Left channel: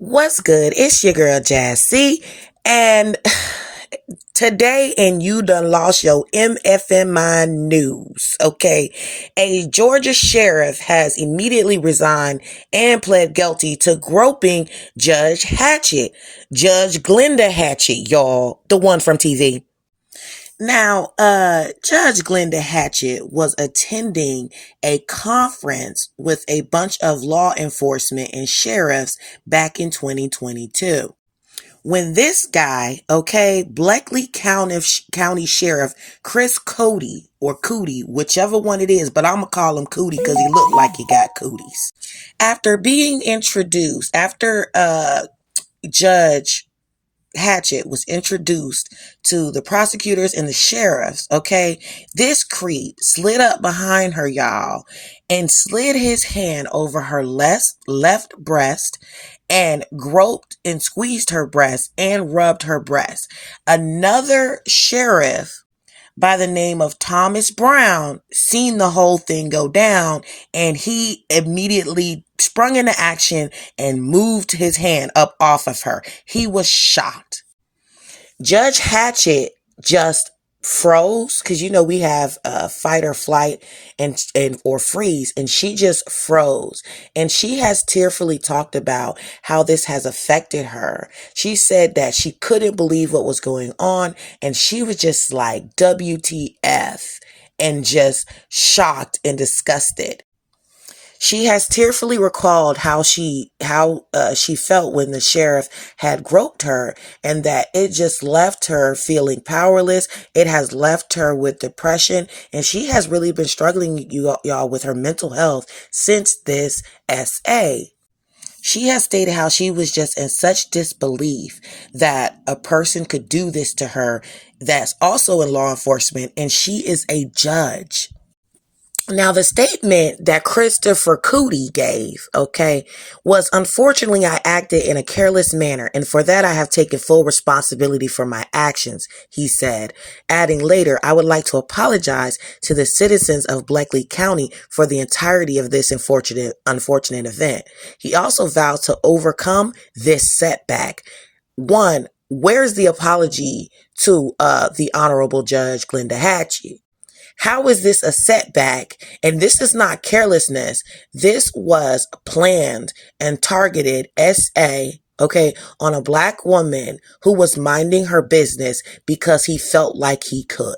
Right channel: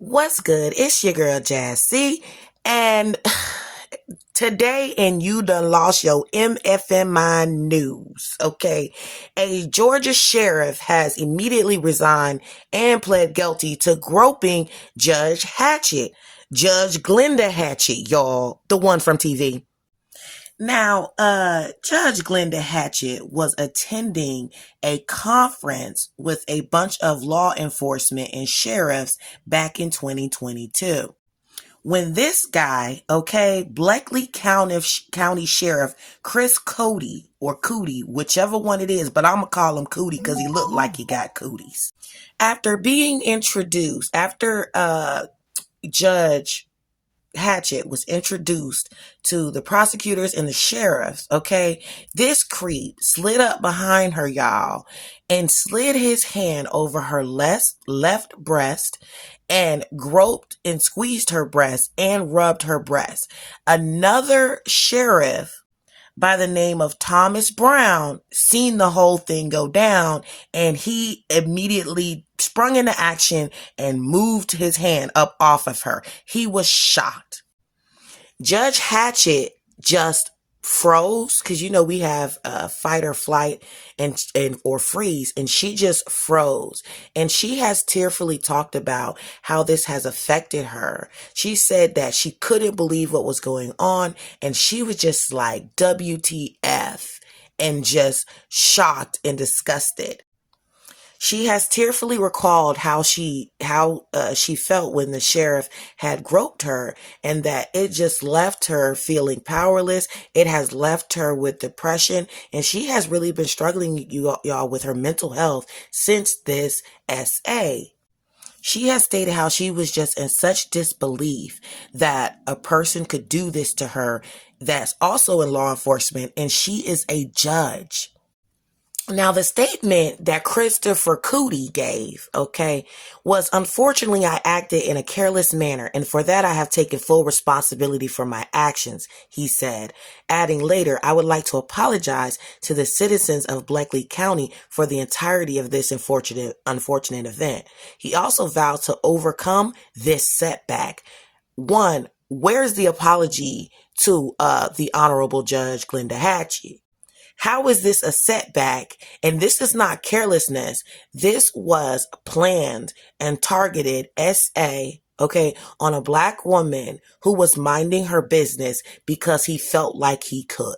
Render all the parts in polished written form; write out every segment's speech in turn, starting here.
What's good? It's your girl Jazz C, and today and you done lost your MFMI news, okay? A Georgia sheriff has immediately resigned and pled guilty to groping Judge Hatchett, Judge Glenda Hatchett, y'all, the one from TV. Now, Judge Glenda Hatchett was attending a conference with a bunch of law enforcement and sheriffs back in 2022. When this guy, okay, Bleckley County Sheriff Chris Cody or Cootie, whichever one it is, but I'm gonna call him Cootie because he looked like he got cooties. After being introduced, after Judge Hatchett was introduced to the prosecutors and the sheriffs, okay, this creep slid up behind her, y'all, and slid his hand over her left breast and groped and squeezed her breast and rubbed her breast. Another sheriff by the name of Thomas Brown seen the whole thing go down, and he immediately sprung into action and moved his hand up off of her. He was shocked. Judge Hatchett just froze, because we have fight or flight and or freeze, and she just froze, and she has tearfully talked about how this has affected her. She said that she couldn't believe what was going on, and she was just like WTF, and just shocked and disgusted. She has tearfully recalled how she felt when the sheriff had groped her, and that it just left her feeling powerless. It has left her with depression, and she has really been struggling, y'all, with her mental health since this SA. She has stated how she was just in such disbelief that a person could do this to her that's also in law enforcement, and she is a judge. Now, the statement that Christopher Cootie gave, okay, was, unfortunately, I acted in a careless manner, and for that I have taken full responsibility for my actions, he said, adding later, I would like to apologize to the citizens of Bleckley County for the entirety of this unfortunate event. He also vowed to overcome this setback. One, where's the apology to the Honorable Judge Glenda Hatchett? How is this a setback? And this is not carelessness. This was planned and targeted SA, okay, on a Black woman who was minding her business because he felt like he could.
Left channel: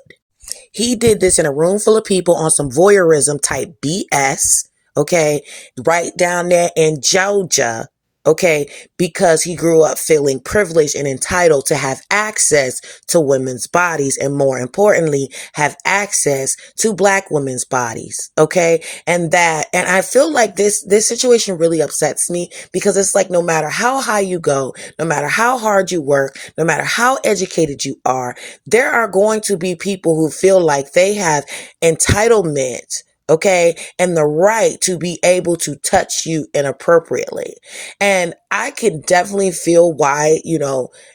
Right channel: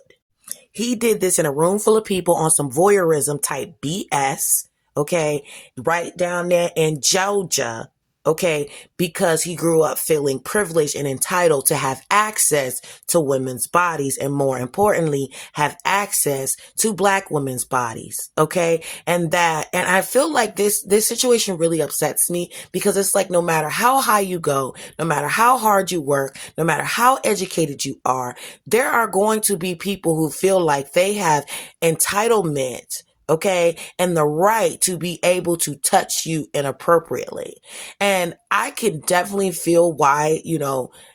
He did this in a room full of people on some voyeurism type BS, okay, right down there in Georgia, okay, because he grew up feeling privileged and entitled to have access to women's bodies, and more importantly, have access to Black women's bodies, okay? And I feel like this situation really upsets me, because it's like, no matter how high you go, no matter how hard you work, no matter how educated you are, there are going to be people who feel like they have entitlement, okay, and the right to be able to touch you inappropriately. And I can definitely feel why,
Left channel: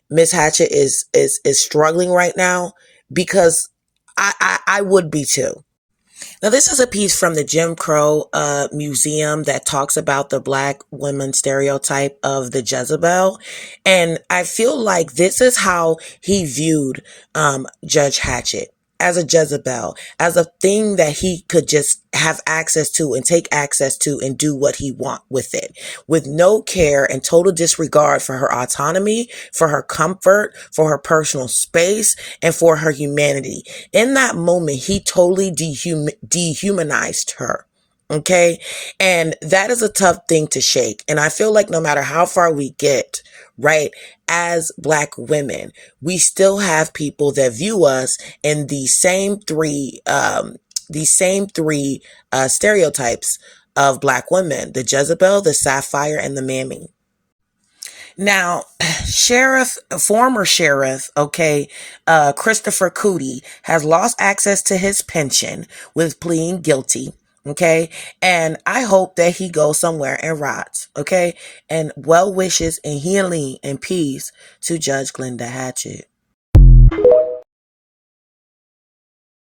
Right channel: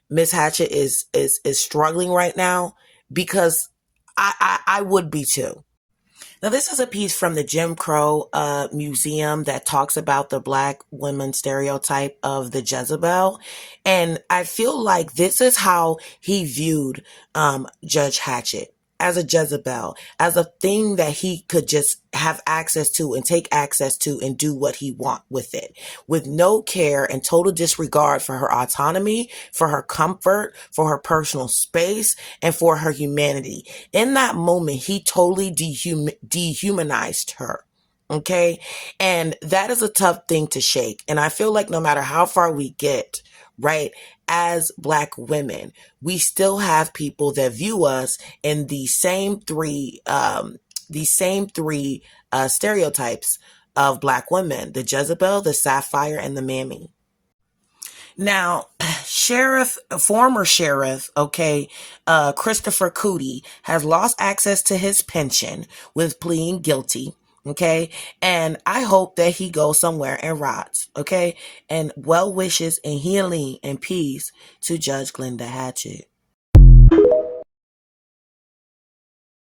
Miss Hatchett is struggling right now, because I would be too. Now, this is a piece from the Jim Crow Museum that talks about the Black women stereotype of the Jezebel. And I feel like this is how he viewed Judge Hatchett, as a Jezebel, as a thing that he could just have access to and take access to and do what he want with it, with no care and total disregard for her autonomy, for her comfort, for her personal space, and for her humanity. In that moment, he totally dehumanized her. Okay. And that is a tough thing to shake. And I feel like no matter how far we get, right, as Black women, we still have people that view us in the same three stereotypes of Black women: the Jezebel, the Sapphire, and the Mammy. Now, former sheriff, okay, Christopher Cootie has lost access to his pension with pleading guilty. Okay. And I hope that he goes somewhere and rots. Okay. And well wishes and healing and peace to Judge Glenda Hatchett.